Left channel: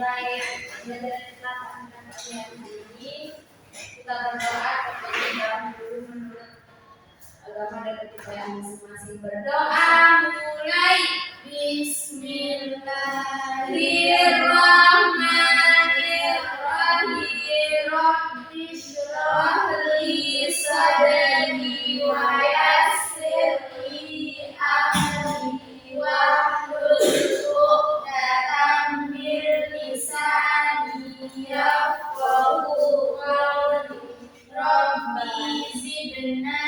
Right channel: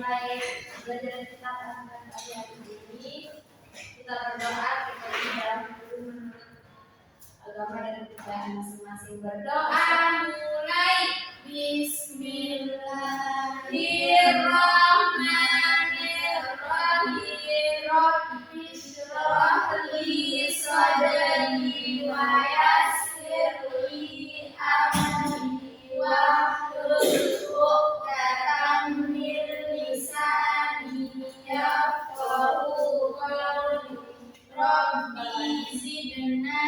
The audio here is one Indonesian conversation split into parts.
memulai belajar kita tentang pelajaran ini, kita berdoa seperti dalam dulu menurut agama dan kepercayaan masing-masing. Berdoa mulai. Bismillahirrahmanirrahim. Rabbi shrah li sadri wa yassir li amri wahlul 'uqdatam min lisani yafqahu qawli. Rabbi zidna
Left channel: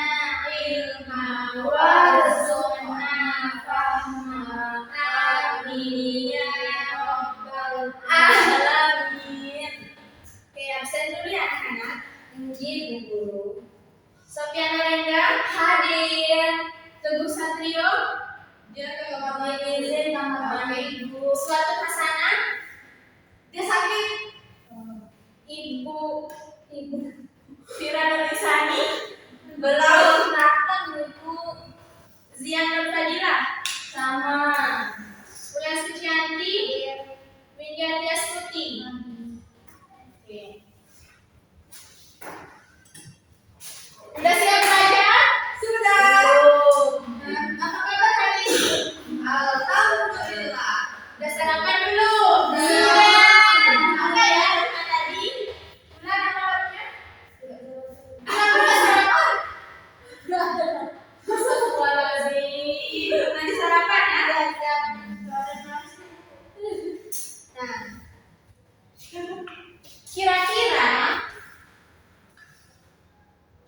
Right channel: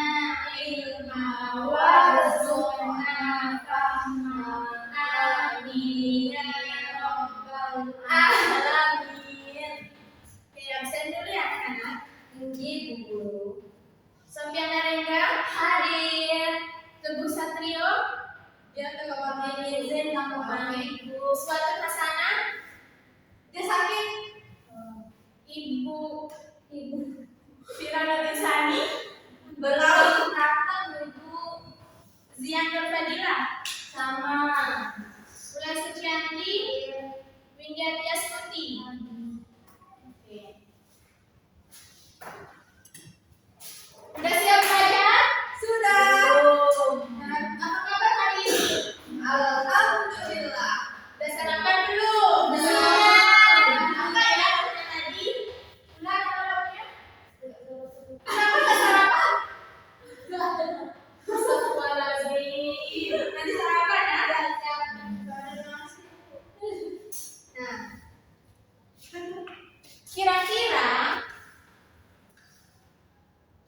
ilma warzuqna fahma. Amin ya rabbal alamin. Oke, absen dulu ya anak-anak. Mungkin Bu Guru. Sofiana Rengga hadir. Teguh Satrio dia ke kamar izin sama Ibu. Suatu Hasanah dia sakit. Ibu Fira Nurisani belum datang. Ibu Zian Nur Fadila sama Ulan Sucianti Widya Tiastuti. Oke. Udah siap belajar? Sudah. Apa kabar hari ini? Alhamdulillah. Udah sarapan belum? Sudah. Apa ya rumah tadi? Ulan apa kabarnya? Kenapa nggak sarapan? Astagfirullahaladzim. Nanti sarapan ya? Nah, kira-kira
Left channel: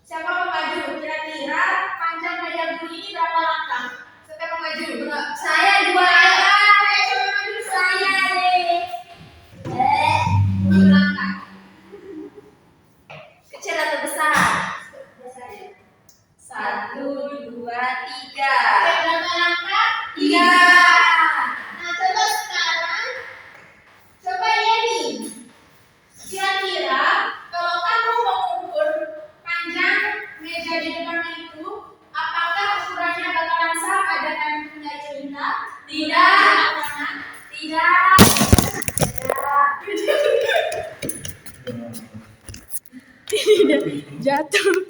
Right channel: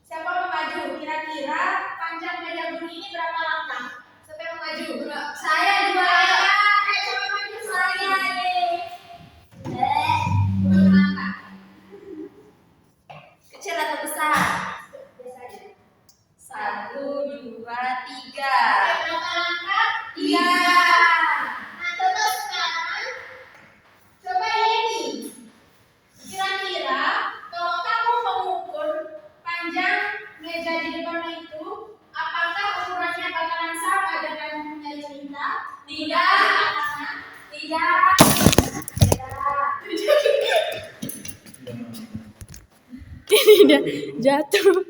siapa mau maju? Kira-kira panjang meja bumi ini berapa langkah? Siapa yang mau maju? Saya 2 Ayo coba maju. Saya deh. 7 langkah. Kecil atau besar? Biasanya. 1, 2, 3. Oke, berapa langkah? 3. Nah, coba sekarang coba Yeni. Kira-kira kalau kamu mengukur panjang meja di depan itu, apakah ukurannya bakalan sama dengan Bunda Cinta? Tidak. Anak-anak? Tidak. Tidak jatuh.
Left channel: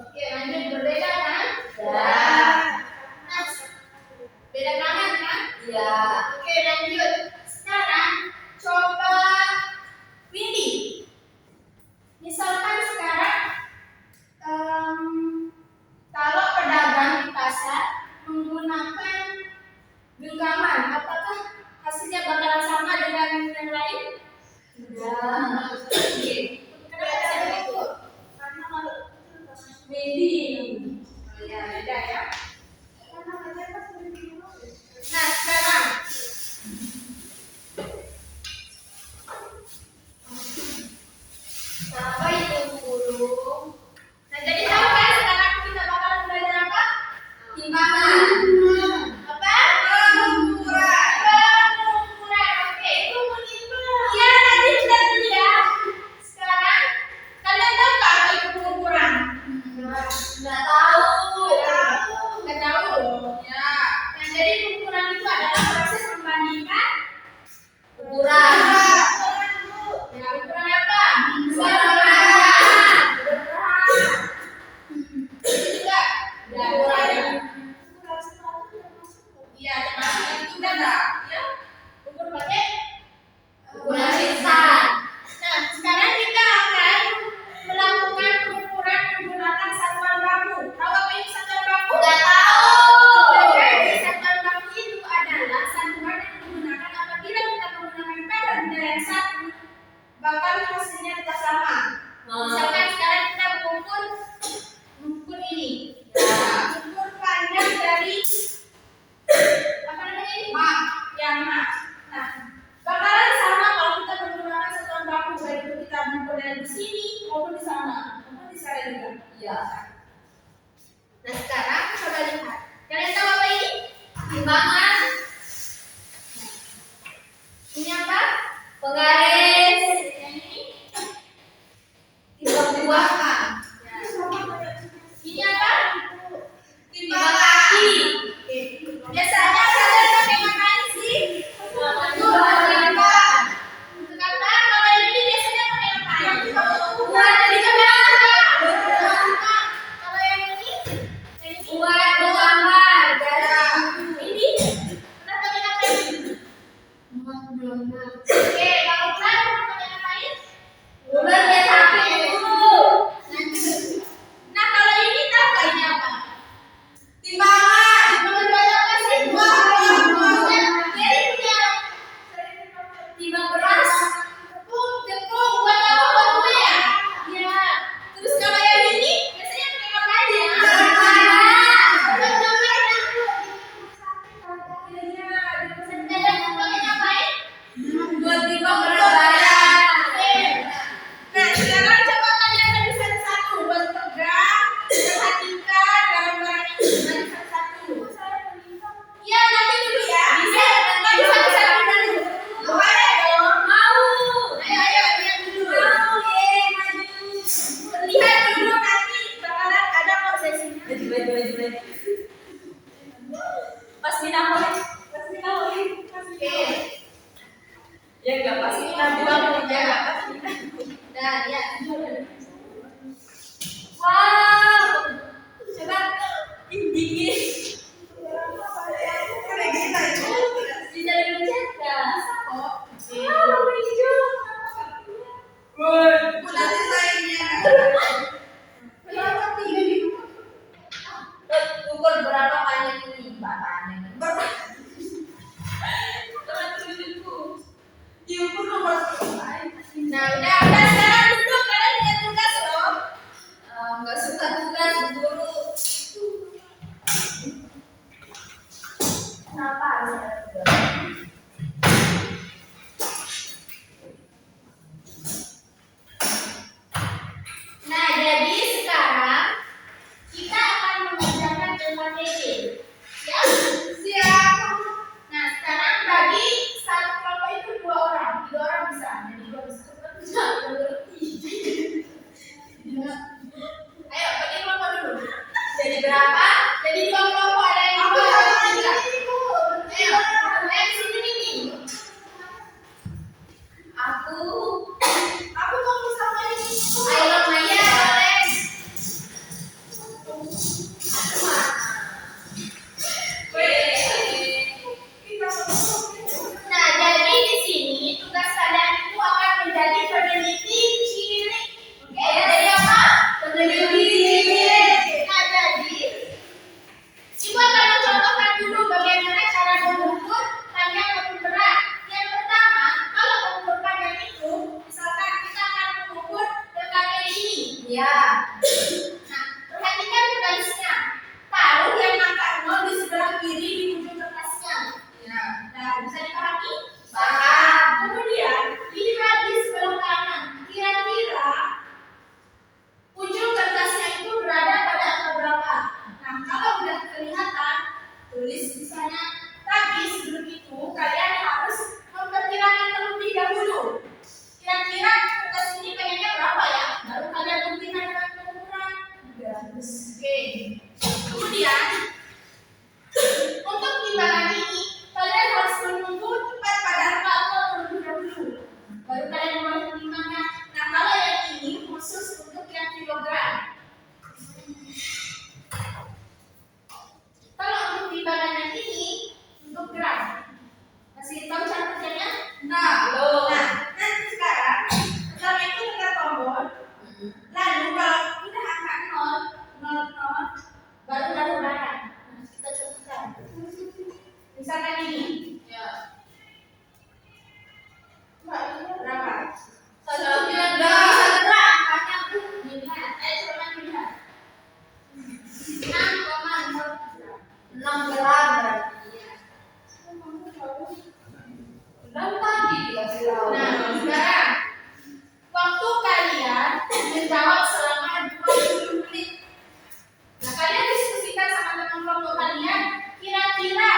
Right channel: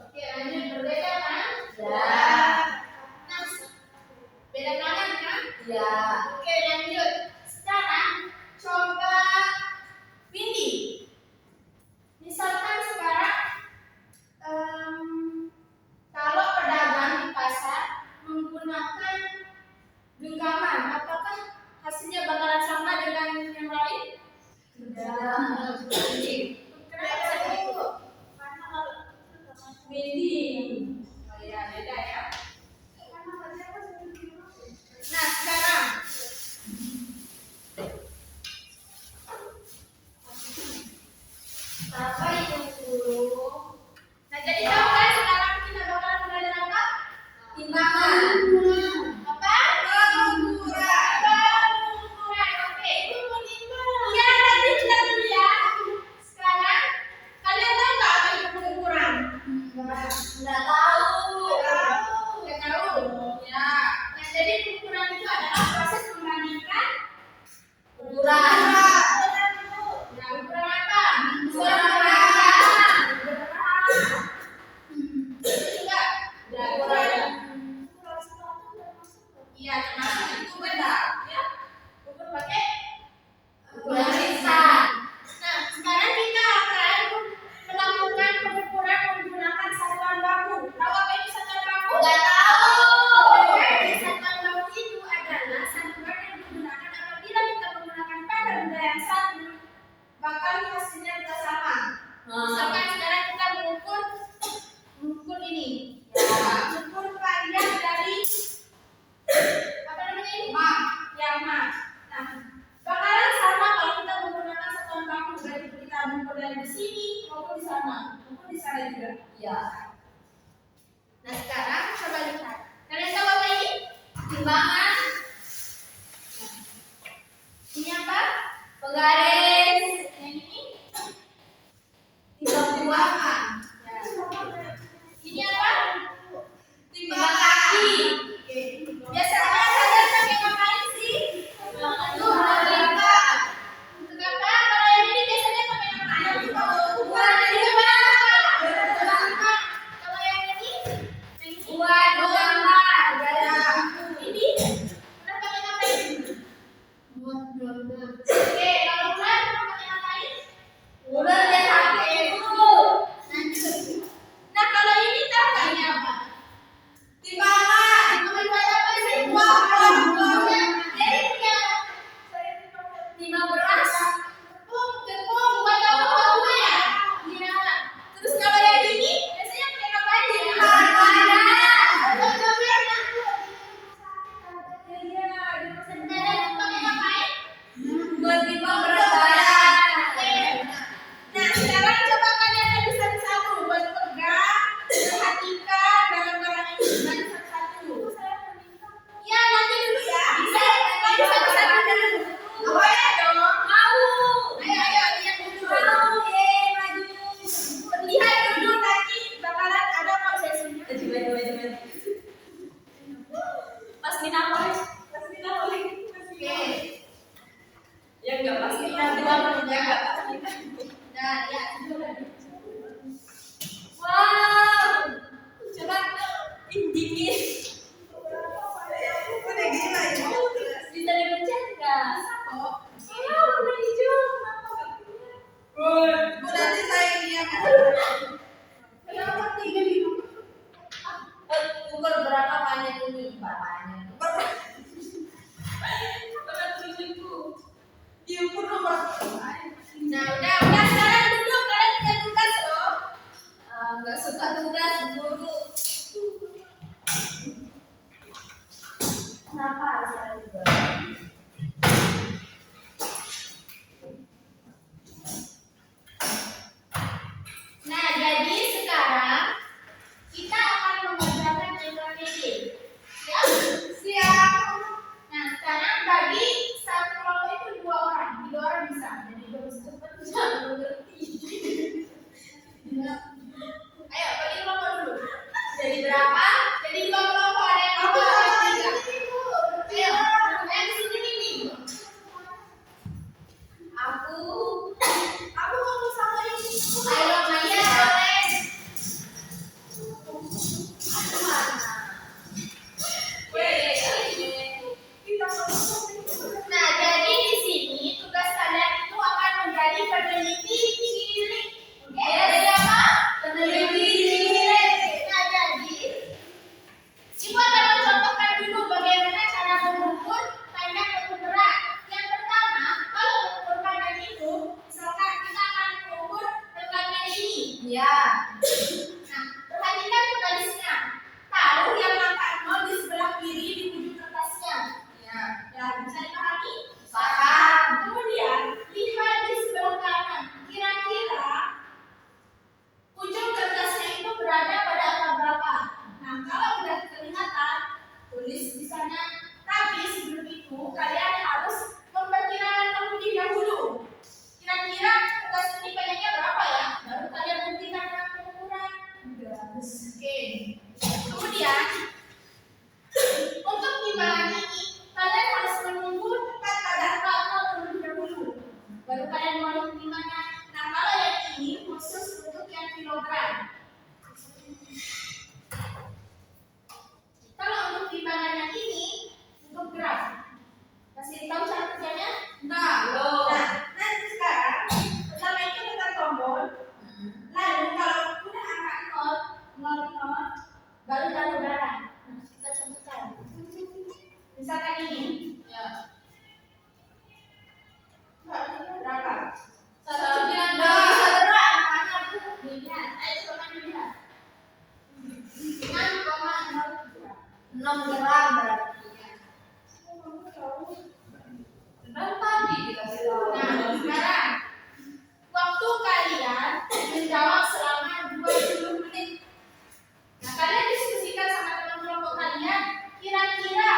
Oke, lanjut. Berbeda kan? Ya. Nah, beda tangan kan? Ya. Oke, lanjut. Sekarang coba Windy. Misalkan sekarang kalau pedagang di pasar menggunakan genggaman, apakah hasilnya bakalan sama dengan yang lain? Tidak. Kenapa bisa begitu? Karena kalau Windy. Oh ya, beda ya. Nah, sekarang apa itu guru? Nah, jadi tahu kan sekarang kita bakalan belajar apa? Timbangan. Apa? Pengukuran. Oke, itu mau timbang. Ya, tadi sudah dilihat. Sekarang kalian tahu nggak apa itu pengukuran? Nggak tahu. Nggak tahu. Ya. Nah, jadi pengukuran itu adalah proses membandingkan ukuran. Ya, ukuran apa? Ukuran panjang. Juga. Ya, ukuran. Iya, termasuk itu kan ya. Ukur pakai ukuran instan. Nah, sekarang kita akan melakukan pengukuran menggunakan satuan baku. Tahu apa itu satuan baku? Nggak tahu. Jadi satuan baku itu adalah satuan yang digunakan apabila kita menggunakan pada benda yang satu, bakal hasilnya kita sama. Misalkan sekarang kita mengukur ini. Ya. Ukur panjang dari apa 6 gram berarti ya. Dan tadi dikasih tahu. Nah, sekarang waktu kalian menjawab selama 20 menit. Nah, kalian diskusikan sama teman kelompok kalian, kira-kira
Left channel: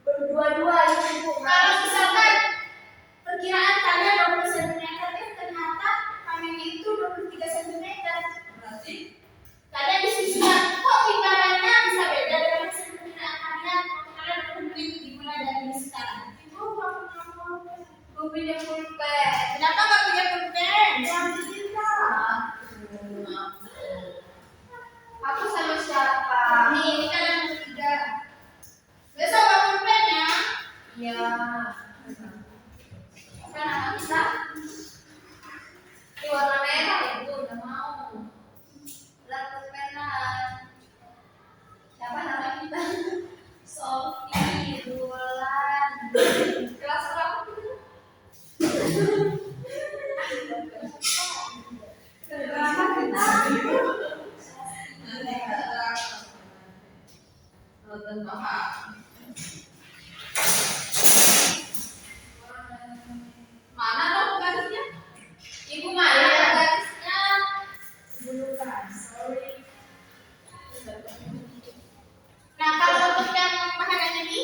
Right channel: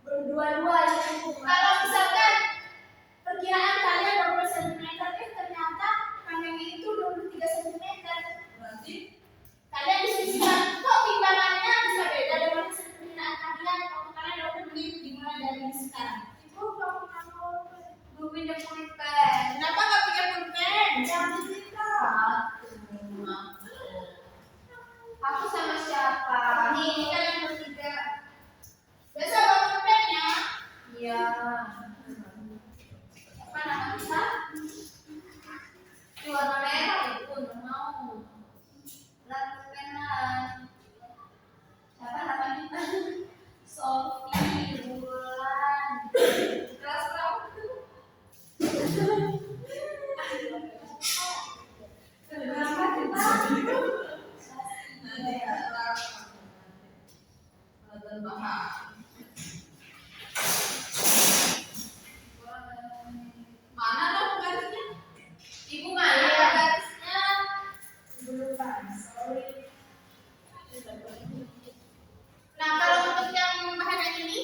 berdua-dua ya. Kalau misalkan perkiraan kalian 20 cm, ternyata panengnya itu 23 cm. Berarti kalian diskusikan, kok timbangannya bisa beda dengan perkiraan kalian? Kalian dapat beli dimulai dari sekarang. Itu gue punya pulpen. Kenapa nggak punya pulpen? Yang kita. Aku sama siapa? Ini kalian bertiga. Besok bawa pulpen ya? Iya. Apa nama kita? Di warna merah itu udah mau. Berat pulpenan. Siapa nama kita? Sofi, Bulan. Kelas berapa? Berapa kita? Mana dong garisnya? Ibu mana ada garisnya? Bukan, sorry. Nah, kalau untuk yang bahagian ini,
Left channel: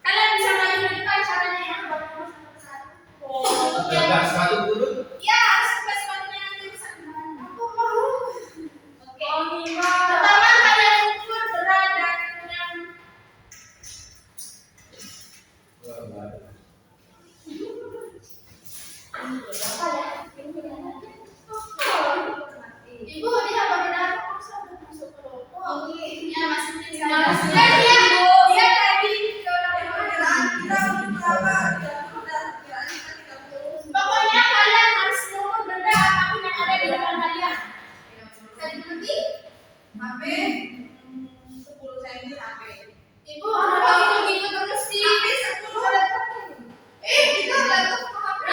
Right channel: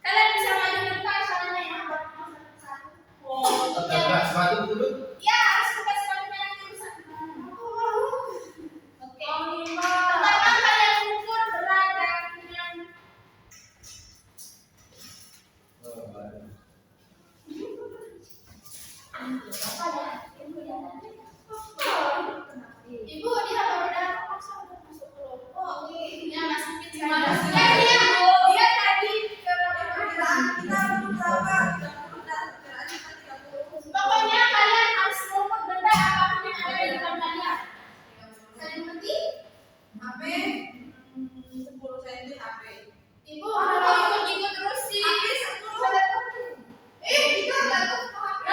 kalian bisa maju ke depan caranya ya, buat satu-satu. Untuk yang sepatu dulu. ya harus buka sepatunya nanti rusak gimana? Aku mau. Oke. Pertama kalian ukur berat dan Ibu, dia apa beda? Masuk kelompok. Ya, masukin sekarang. Dia tadi ke perkiraan kita belum berapa? 30. Pokoknya kalian harus mengukur benda apapun yang ada di depan kalian. Saya dimengerti? HP 10 cm HP. Ibu, apa gitu terus sih? HP 10. Kita enggak tahu HP.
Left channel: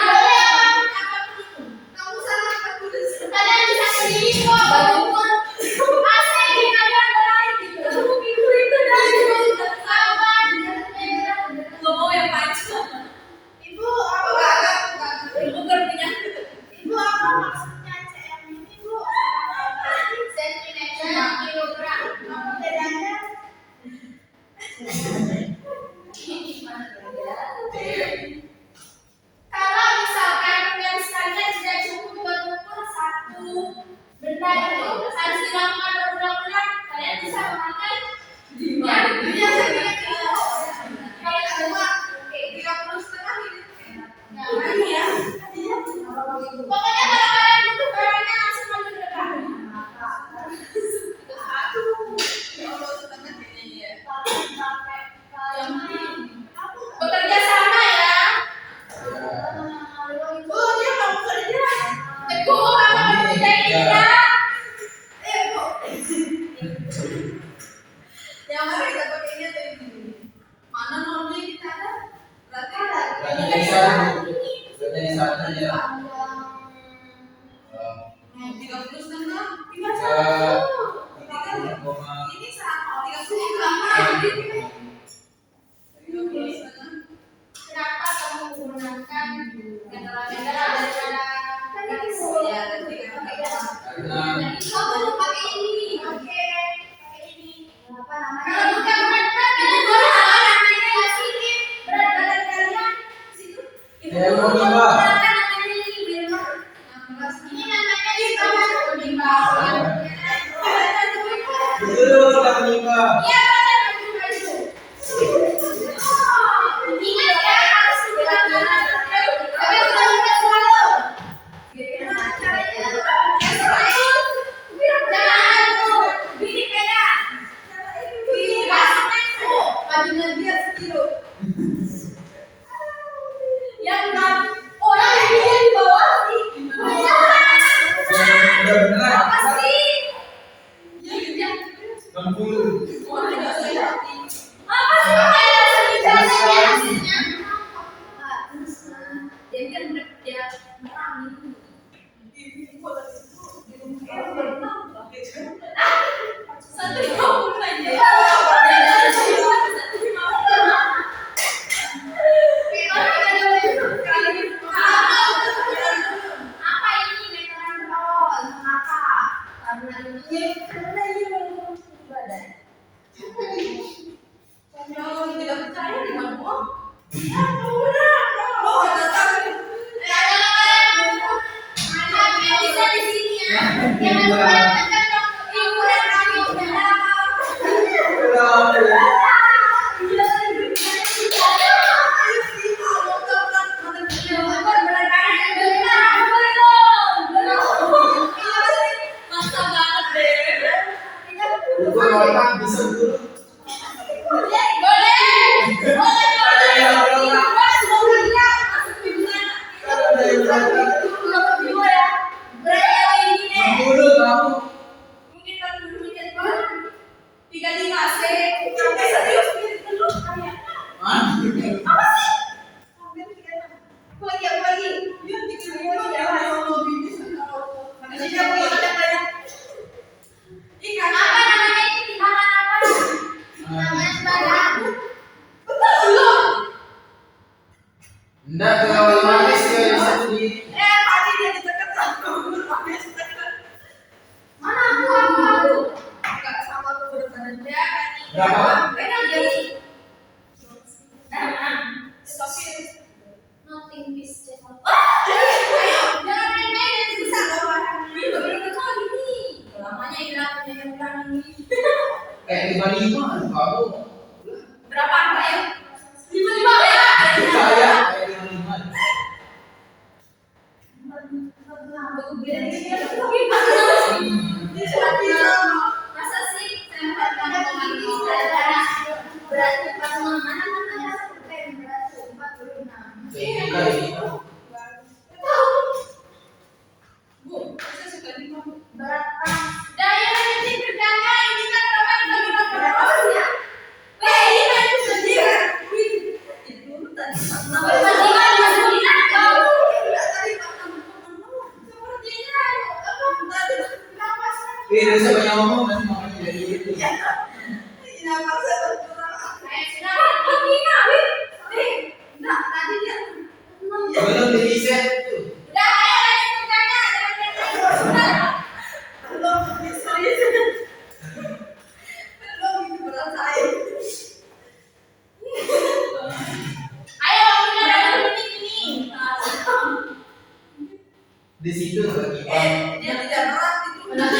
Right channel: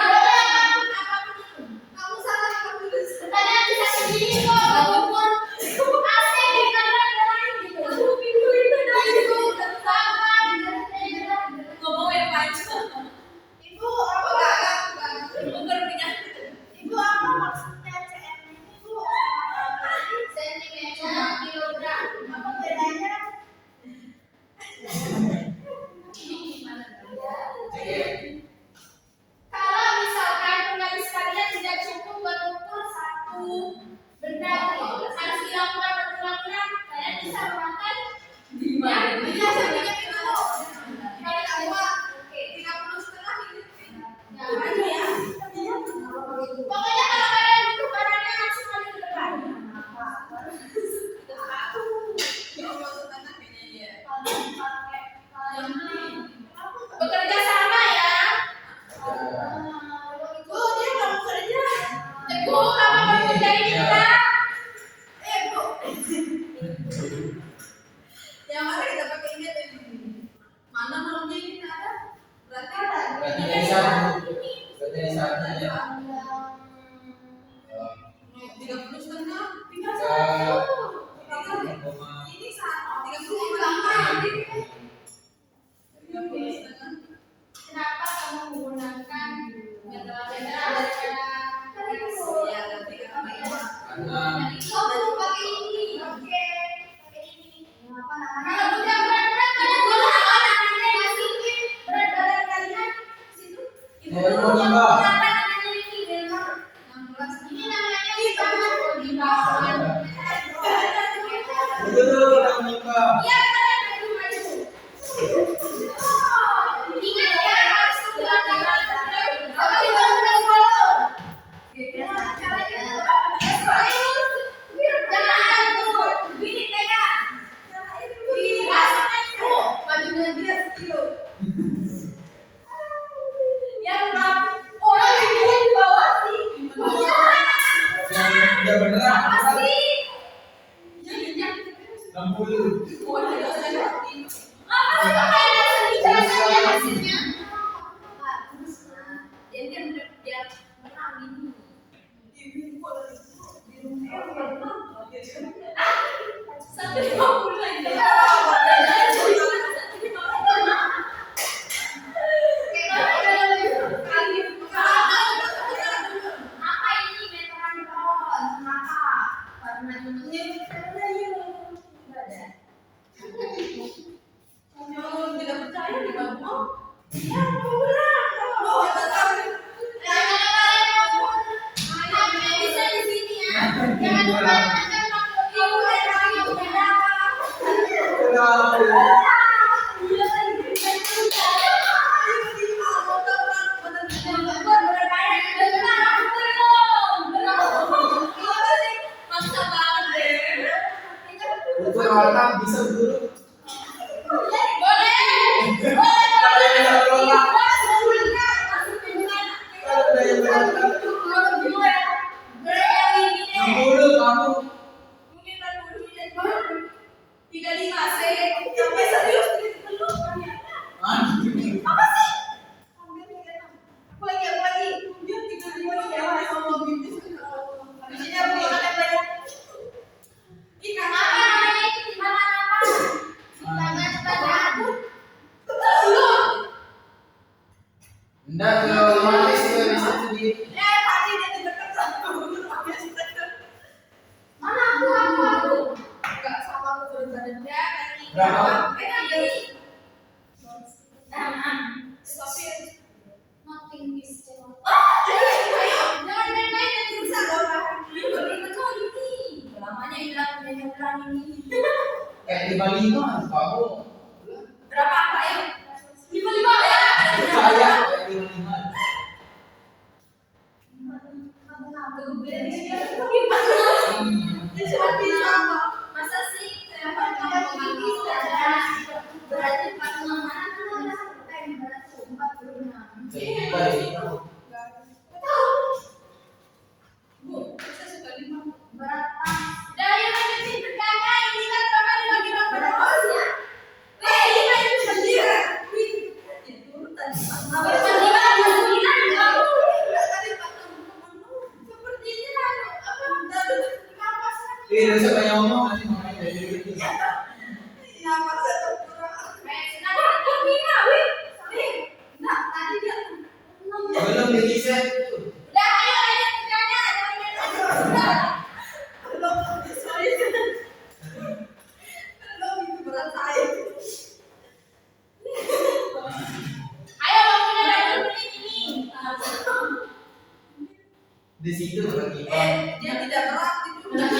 Apapun itu. Kamu salah tertulis. Kalian bisa sendiri kok. Walaupun AC di kalian lain gitu. Kamu pintu itu dari sawan. Ngomong yang panjang. Ibu, apa Ibu berpunya. Ibu apa maksudnya cm ini, Bu? Sentimeter, kilogram. Apa bedanya? Gimana beda? Kalau misalkan penggaris kalian tidak cukup buat mengukur satu benda itu harus dilakukan berulang-ulang, kalian bisa memakai ya, biasanya kilo. Kalau semua, oke, 30,5 ini. Ya, ini ya. Pokoknya kalau kalian butuh barangnya langsung maju ke depan. Bekerja sama ya. Bu, dia mau kerja. Bu, apa mau kerja ini tidak? Bu. Yang mana kita pakai ini atau ini? Mana maunya kita ada? Berarti ada. Berarti jadi satu. Berarti satu aja. 30,5. Ini sama 30,5. Kenapa kamu menggunakan benda-benda daripada garis? Ya, nanti Karena kamu pakai ini. Oke, pakai ini. Apa namanya? Kalau bukan berat-berat, kalian boleh namanya masukin berat badan kalian. Situ. Ibu Ya, dulu mau kalau lima. berat namanya ini berapa? 16. Ini namanya di bawah. betul kita menimba. Iya, benar itu. Ingat ya, harus dilakukan. Tapi bukan selalu. Gimana caranya? Ya selalu. Jangan tuh. Gini kayak. Masukkan tuh. Bajunya dia sekilo. Yang enggak. Orang yang di bawah sih. Udah beneran. Apa sih? Ya. 60. Apa sih kayak sejarahnya hasilnya? Dia merangin. Satu 50 aja. Bisa di sini ya. Jangan lupa tekan tombol hiburan kami. Masa banget deh. Ukur otak bisa dulu. Boleh. Boleh. Masuk hiburan. Nomor 2 ya. Berapa ini deh? 60 kamu. Mungkin tak dulu ya. 35 sih. Sampai serius belum ya. Apa sih? Sampai 36. Aku lagi. Yuk 35 ya. Habis ini aku makan yang banyak. Ikan apa namanya itu? Timbangan apa? Timbangan badan. Betul belum? Enggak terlalu manis ya di situ di. Tadi dia ditekan sama Mana aku? Enggak sama aku berat badan dia kan. Berapa? Pegang jadi. Stop it. Nothing is channel. Ayo, jangan main-main dan susah loh bahan. Ini bener-bener kali ini. Lamanya hilang punya bulan ini. 55 kamu. Berapa Pak ya? 55 ya? Saya 55. Masa sih saya makan komedi berarti 46 mana berat 46. Bu, saya suka di berat. Daya lanjutin kerjanya ini kan kapan bagi-bagi berat ya? Ini kan sendiri. Itu urutan. Sepertinya apa tadi napas. Saya banyak ngomong nanti makanya jadi gitu. Napasnya berkurang. Kenapa? Gimana, Win? Nah, tadi dia Belum di reset tuh. udah ayo lanjut kerjanya, jangan main-main. Belum, sorry. Belum itu berat saya. Ayo waktunya udah 2 menit ini. Di situ lagi. Dia tidak berat itu. Udah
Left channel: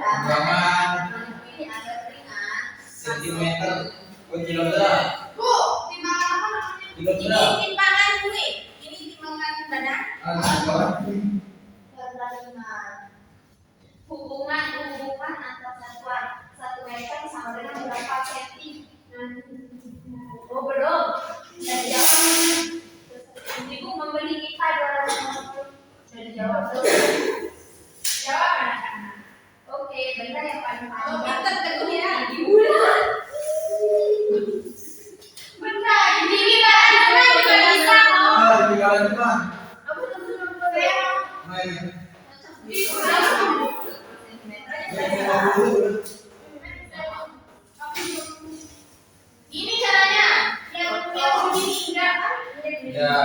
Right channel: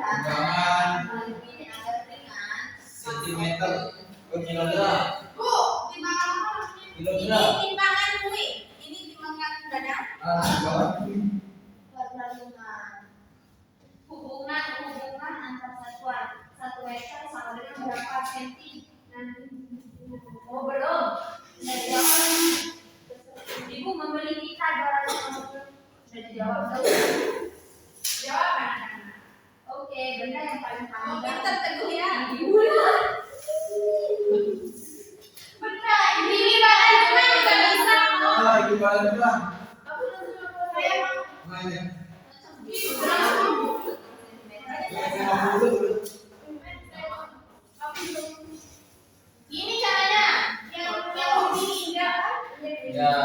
Timbangan Ini agak ringan. sentimeter per kilogram. Bu, timbangan apa namanya? Kilogram. Ini timbangan kue. Ini timbangan dana. Timbangan. Hubungan antar satuan 1 meter sama dengan berapa senti? Oh belum. Sudah dijawab. Ibu membeli kita 250. Sudah dijawab belum? Jawab anak-anak. Oke, benda yang paling panjang. Oh, pintar teguh ya. Benda ini kan juga bisa. Di kalangan cuma. Kamu tentu boleh. Main. Ini 50. Ini caranya yang begini enggak kan? Ya.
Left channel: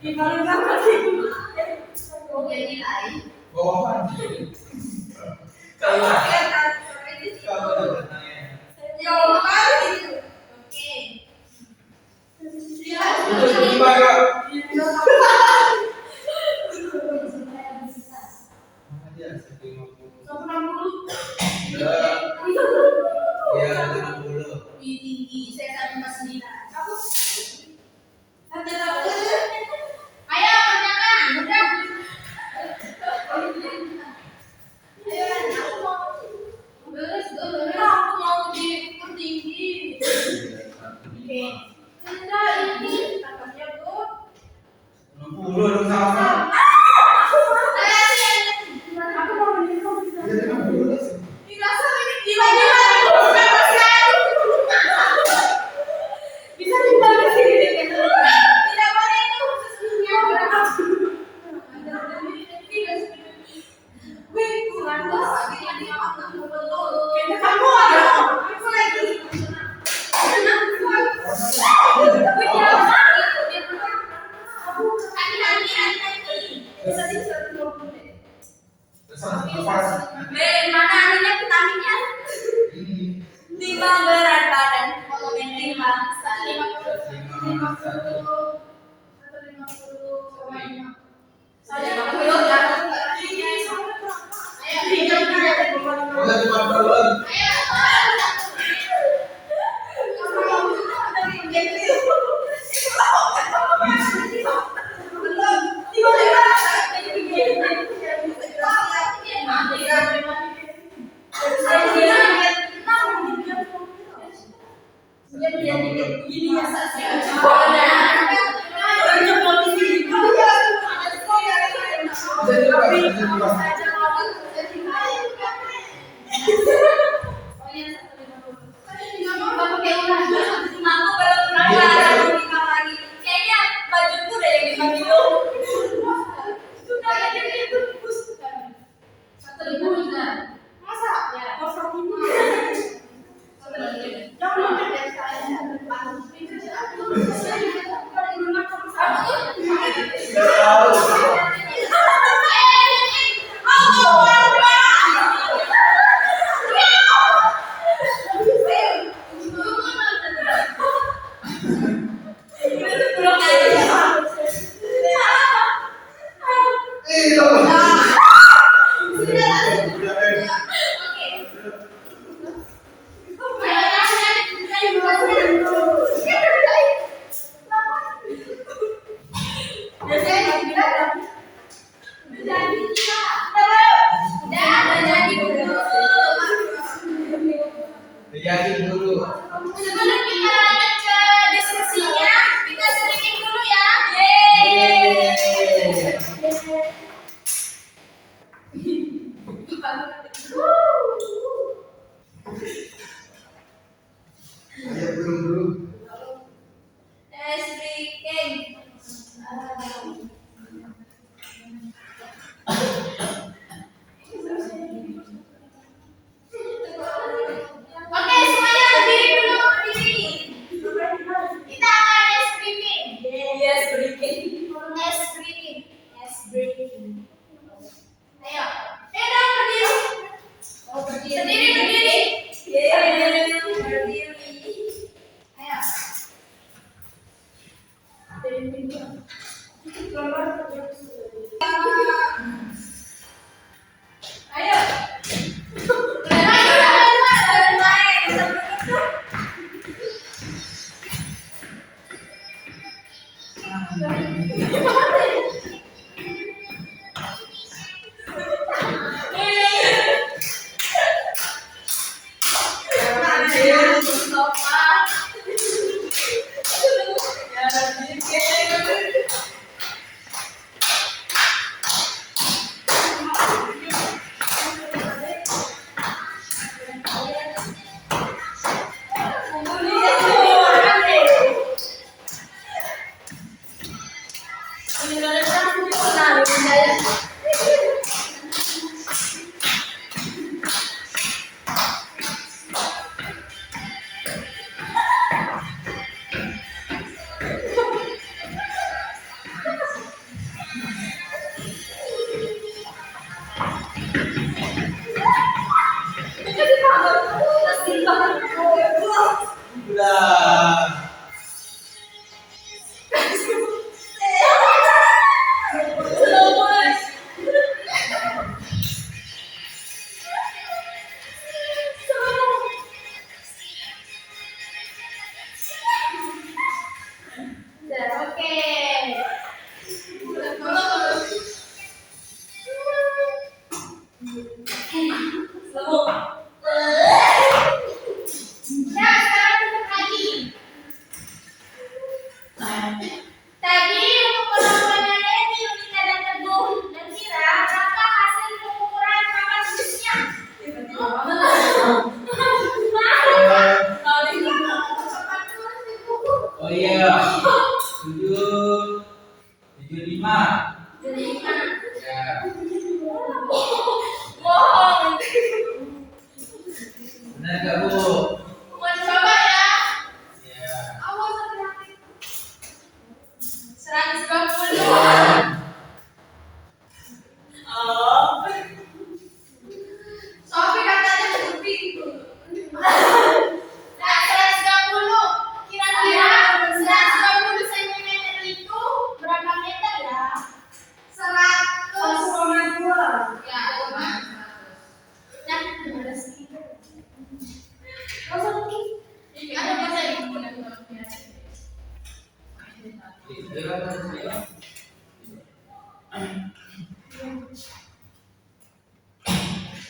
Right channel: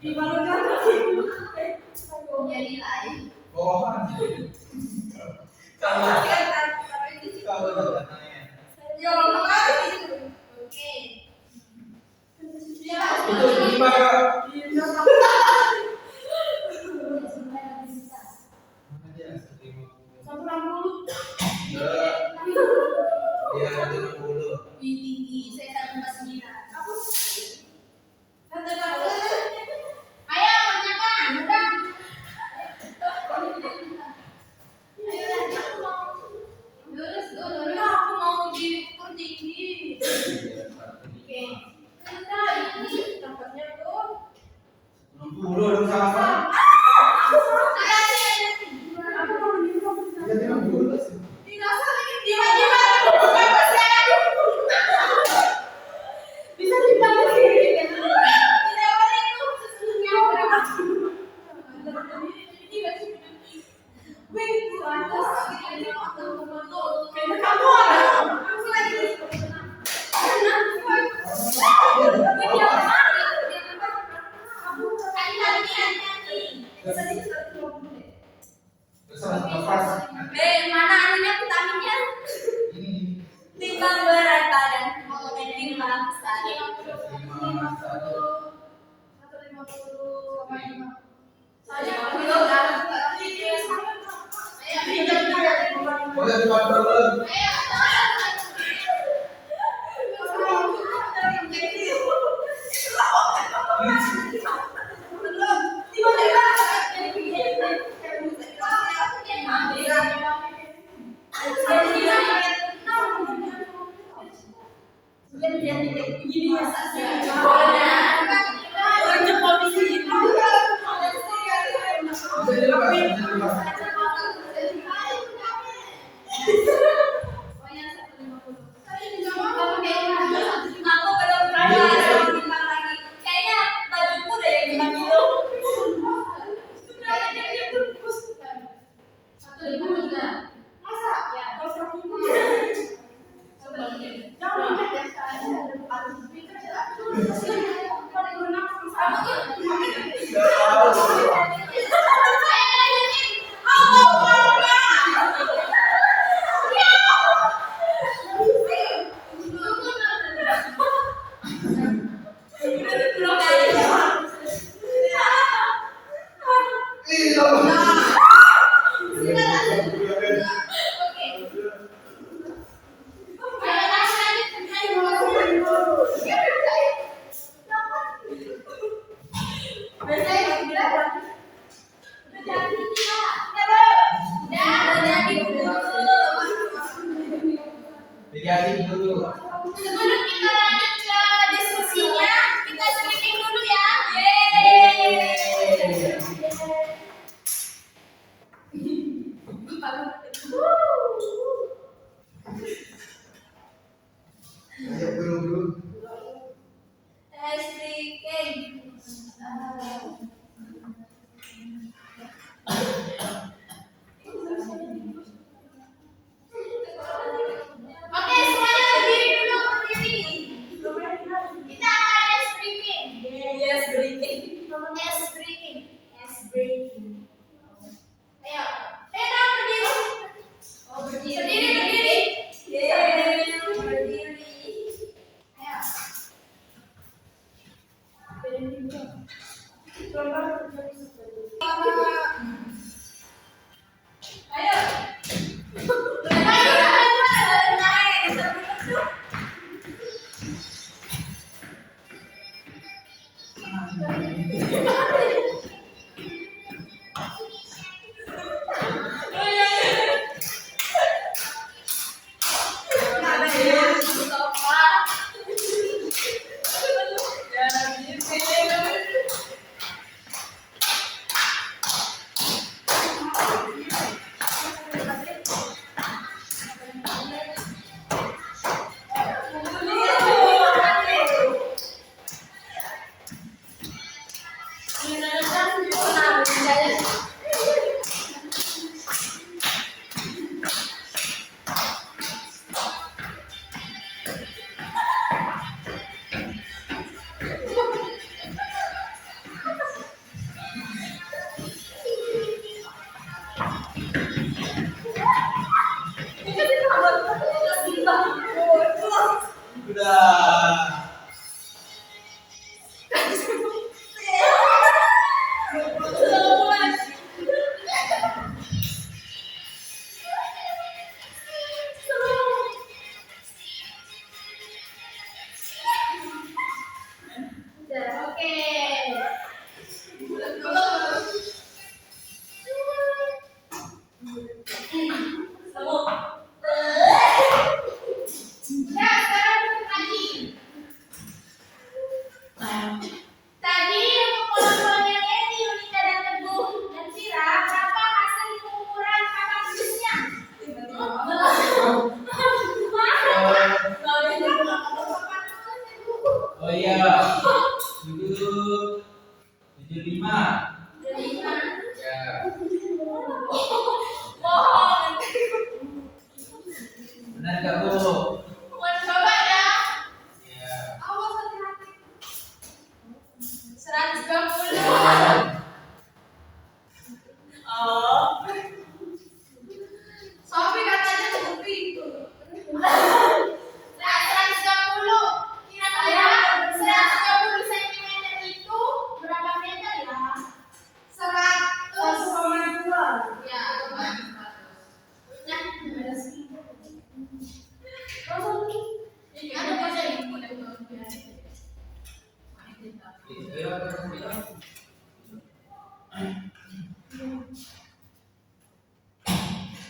Di paling gampang sih. Oh, jadi lain. Bawahan. Kalau kalau ada tanya. Ya, makanya gitu. Oke. Itu gimana? Aja 150. Ya, 60. Tinggi, saya 49. Aku. Ayo kerjakan, udah. Ayo, aku mau. Aku mau diukur tinggi. Oke. Enggak, ini tempatnya tuh. 60 dong sama. Aku mau minum. Ya 60. Tidak usah ini tiba-tiba aku bebaskan. Bisa dibalik sini gitu. Tidak boleh itu sesungguhnya berapa. Wih, lantas ini aku betul. Kayaknya kamu ada. Aku lagi. Mana adanya vitaminnya? Ini Timbang berat badan. Timbang 50. boleh buat balon. Kayaknya bajuku udah yang 5 kilo. Masa? Ya. Nggak tahu. Diakin dulu. Sebelum kita lanjut ke diskusinya, kita sedikit dulu ya. Ayo belum dulu. Oke, semuanya Udah, sekarang duduk lagi. Tadi kelompoknya Leni, Runika dan Teguh dan Kira, berapa hasil pengukuran papan tulisnya? Oh iya. 75. Ya. Bohong. Benar nggak Bu? Mau coba ya? Ya. Awas hati-hati. 120. Sofi katanya cukup pintu. Nah, 120. Kira-kira 120 cm itu berapa meter ya? 100,2. Ya, coba. Nah, ada speaker. Ada bahasa ibu dan biar.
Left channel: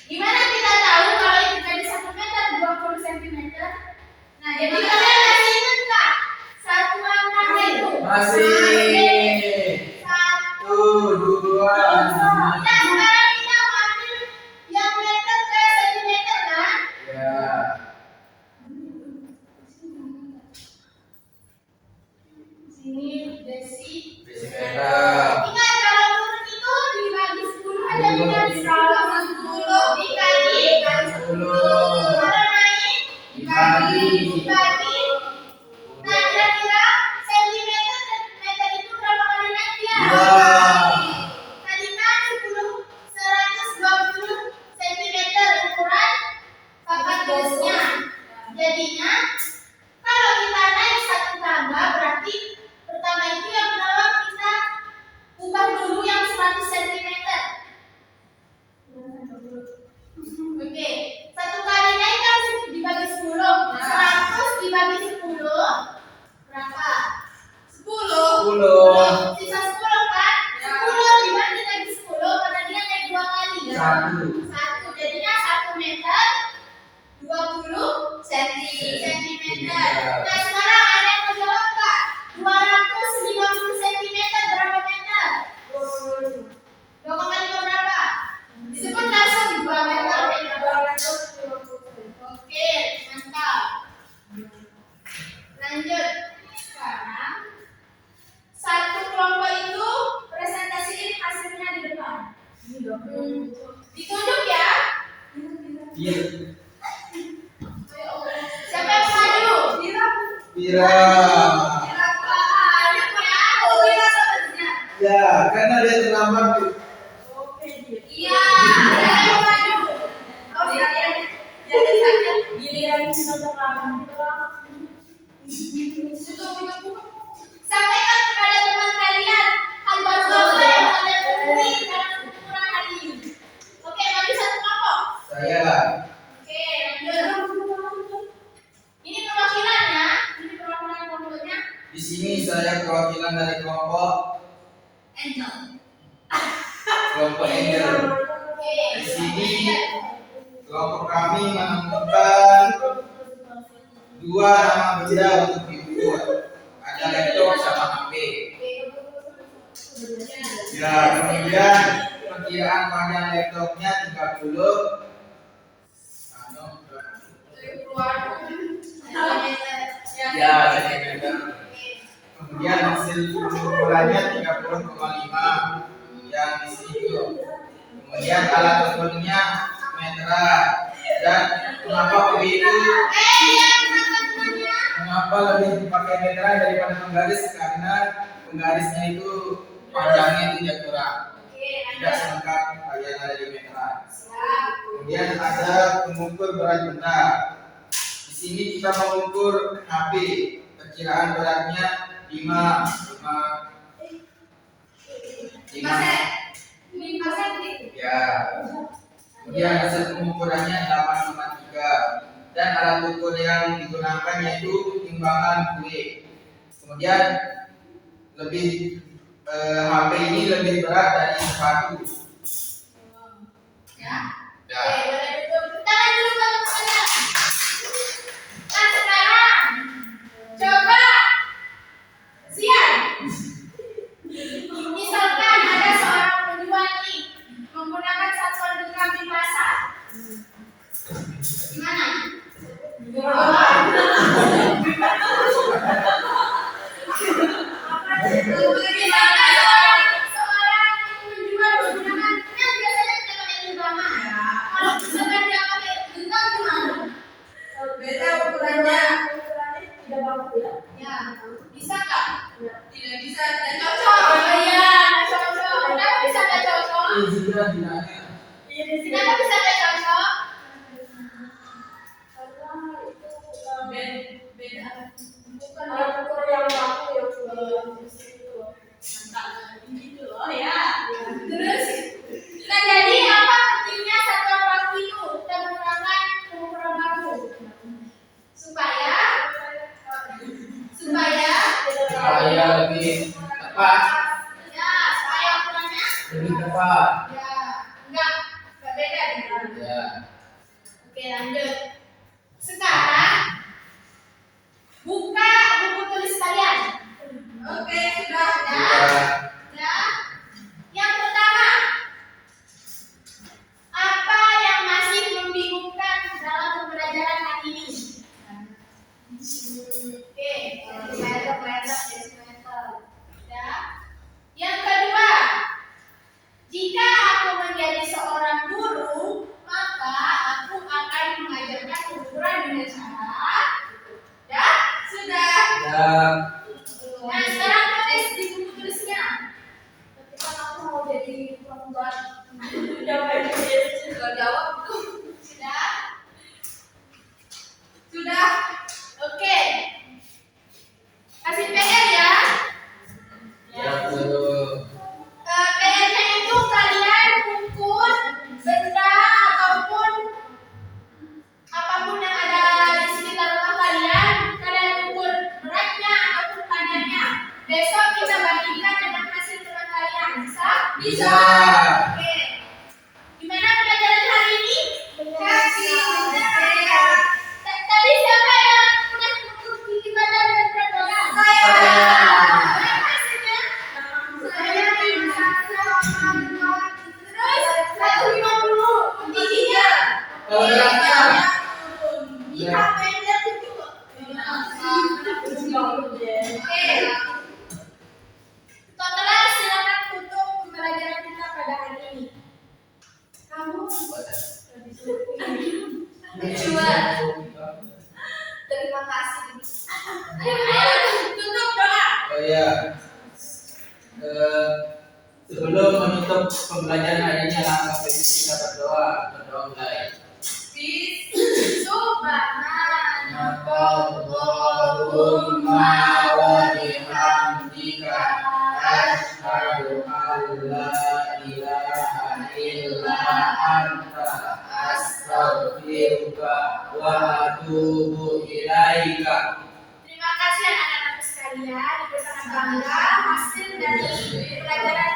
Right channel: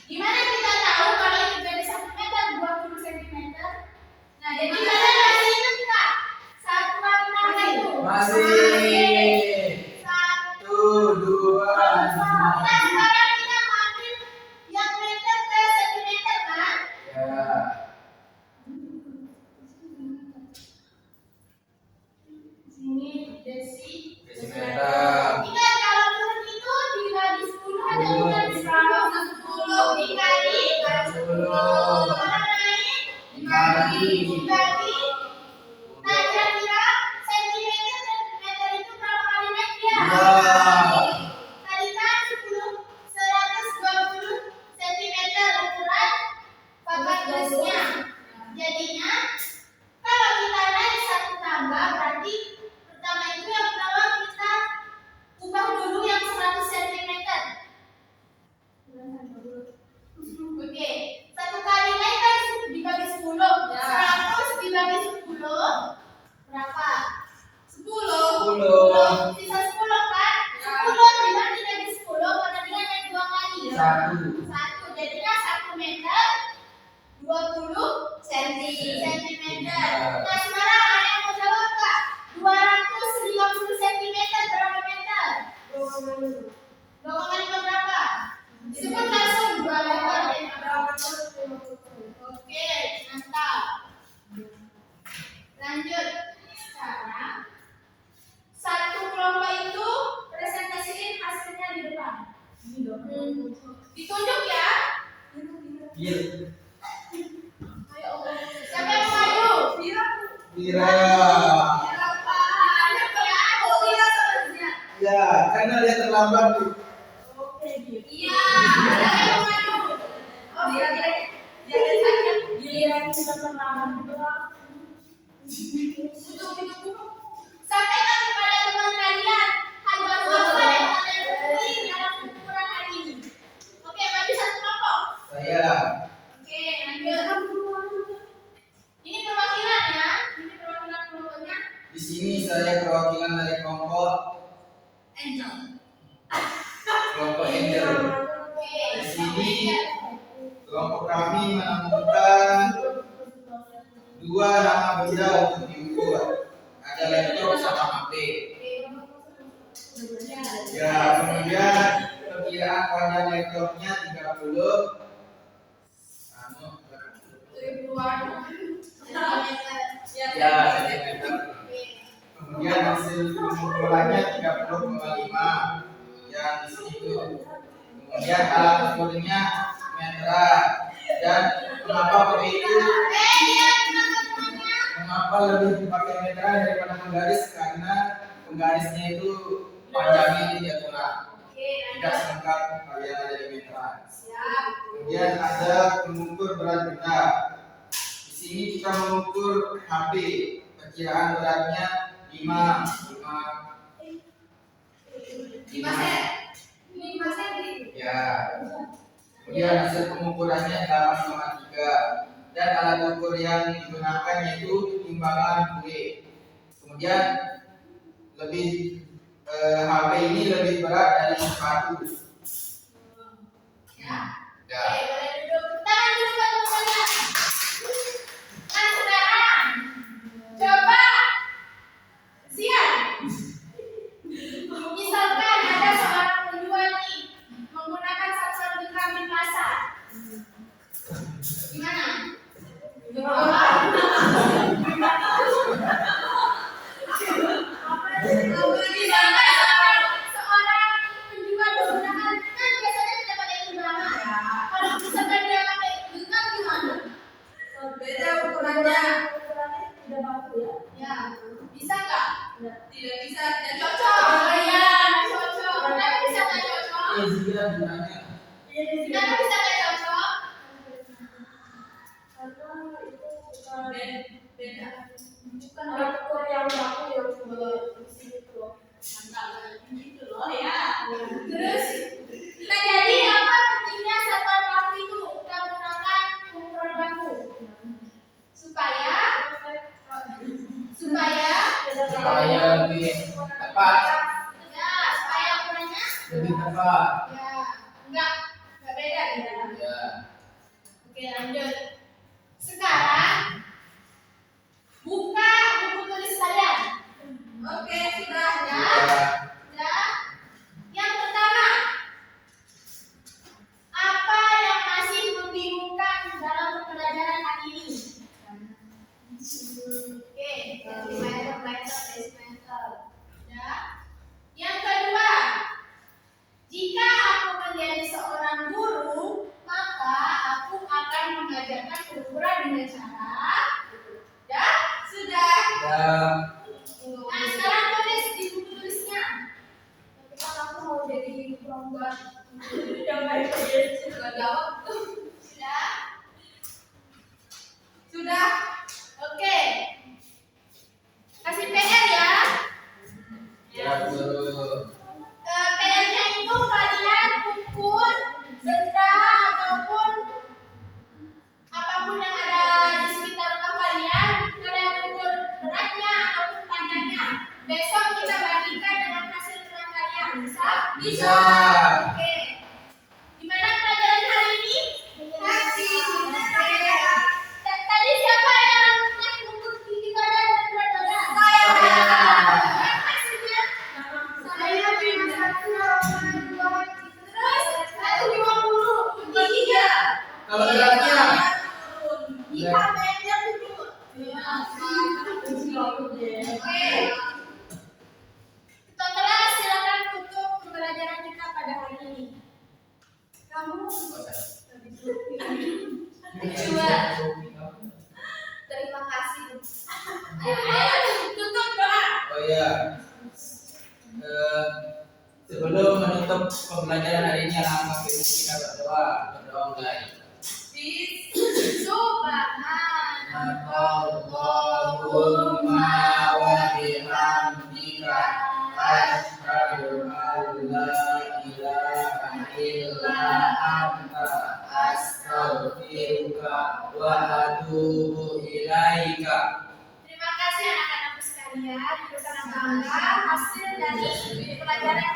Gimana kita tahu kalau itu jadi 1 meter 20 cm? Nah, jadi kalian masih ingat nggak? Satu angka itu. Masih. 1, 2, Nah, sekarang kita mau ambil yang meter ke sentimeter kan? Ya. Sini desi. Desimeter. Ingat kalau turun itu dibagi 10 ada meter. Kalau 10 dikali 10. kalau naik dibagi. Nah, kira-kira sentimeter dan meter itu berapa kali naik ya? Ya. Tadi kan 120 cm ukuran papan tulisnya. Jadinya kalau kita naik satu tangga berarti pertama itu yang pertama kita ubah dulu yang 100 cm. Oke, satu kali naik kan dibagi 10. 100 dibagi 10 berapa? 10. 10. Sisa 10 kan? 10 dibagi lagi 10 karena dia naik 2 kali. 1. Jadinya 1 meter 20 centimeter. Nah, sekarang ada yang mau jawab Kak? 250 centimeter berapa meter? 2,5 berapa? Disebut langsung 2 meter. Oke, mantap. Lanjut. Sekarang satu kelompok itu presentasiin hasilnya di depan. Ditunjuk ya. Iya. Siapa yang mau maju? Kira. Ya, karena dia terlambat. Iya, siapa yang mau maju? Giliran kita terlambat. Sampaikan kepada teman kalian hal baru apa yang kalian temui dalam ukuran hari ini. Oke, maju satu kelompok. Saya. Oke, lanjut. Ini perwakilannya, ini perwakilan kelompoknya. Di sini saya perwakilan dari kelompok Angel. Angel. Oke. Di sini kelompok kami menemukan 2 nama benda untuk diukur. Ada laptop sama HP. Ya, kemudian perkiraan panjang laptopnya 30. Ya, centimeter. Kemudian hasil pengukurannya 30,5 yang di sini itu. Kemudian alat ukurnya meteran. Dan mengapa begitu? Mengapa lebih dipakai meteran daripada penggaris? Karena penggarisnya itu panjangnya tidak kurang, tidak selengkap yang ada di meteran. Kemudian ada pengukur berat benda. Di sini kita mengukur HP. Perkiraan beratnya 5 ya. Kemudian hasil pengukurannya 8,3 dan alat ukur yang digunakan yaitu timbangan kue. Kemudian lebih HP ini lebih berat dari sepatu. Ya. Ya. Oke, boleh duduk. Gimana? Seorang menjual menggunakan kan biasanya kita pakai genggaman. Kalau misalkan dia pakai genggam gimana? Beda ukurannya. Ukurannya tidak baku ya. Ya, bisa nggak? Tidak bisa. Dan cocok. Oh iya, cocok. Kenapa bisa nggak cocok? Jika dinanya. Kenapa bisa nggak cocok? Beda. Bukan Ada ukur yang baku ya ukuran itu. gitu loh ya. Terus, nah jadi apa pentingnya satuan baku itu? Kita menggunakan pengukuran baku supaya Supaya lebih tepat. ya supaya ukurannya Lebih tepat. ya enggak beda ya. Ya. Oke lanjut. Sekarang buka buku tulis kalian. Oke, sudah. Ya. Ya. Ya. Yang pertama, apa yang masih membingungkan dalam pembelajaran hari ini? Oke, ya. Yang kedua, jika aku menjadi seorang guru, maka aku akan mengajarkan ukuran dengan cara. Ya, sudah. Ya. Nah, sekarang tulis di buku tulisnya. Ketika aku mau jadi perempuan, sudah jawab tuh. Sudah. Sudah. Oke. Kasih PR ya. Ya, betul. PR-nya itu kalian ukur benda ataupun apapun yang ada di sekitar rumah kalian, kalian ukur beratnya ataupun panjangnya. Besok kita bandingkan dengan hasil teman kalian. Bisa? Bisa. Oke. Gimana pelajaran hari ini? Kasih. Tadi siapa yang udah ukur tinggi badan dan berat badan? Saya. Berapa hasilnya? Saya 51,2. Terus 150. Tingginya? Kalau beratnya? Kita pendek itu. Oke. Total silakan tutup pembelajaran kita pada hari ini. Kamu terima kasih. Ayo tutup doa. Oh ya. Sebelum menutup pembelajaran hari ini, alangkah baiknya kita berdoa. Berdoa mulai. Allahumma wa bihamdika asyhadu an la ilaha illa anta astaghfiruka wa atubu ilaika. Terima kasih anak-anak sekalian, bersama bangga hasil dari pelajaran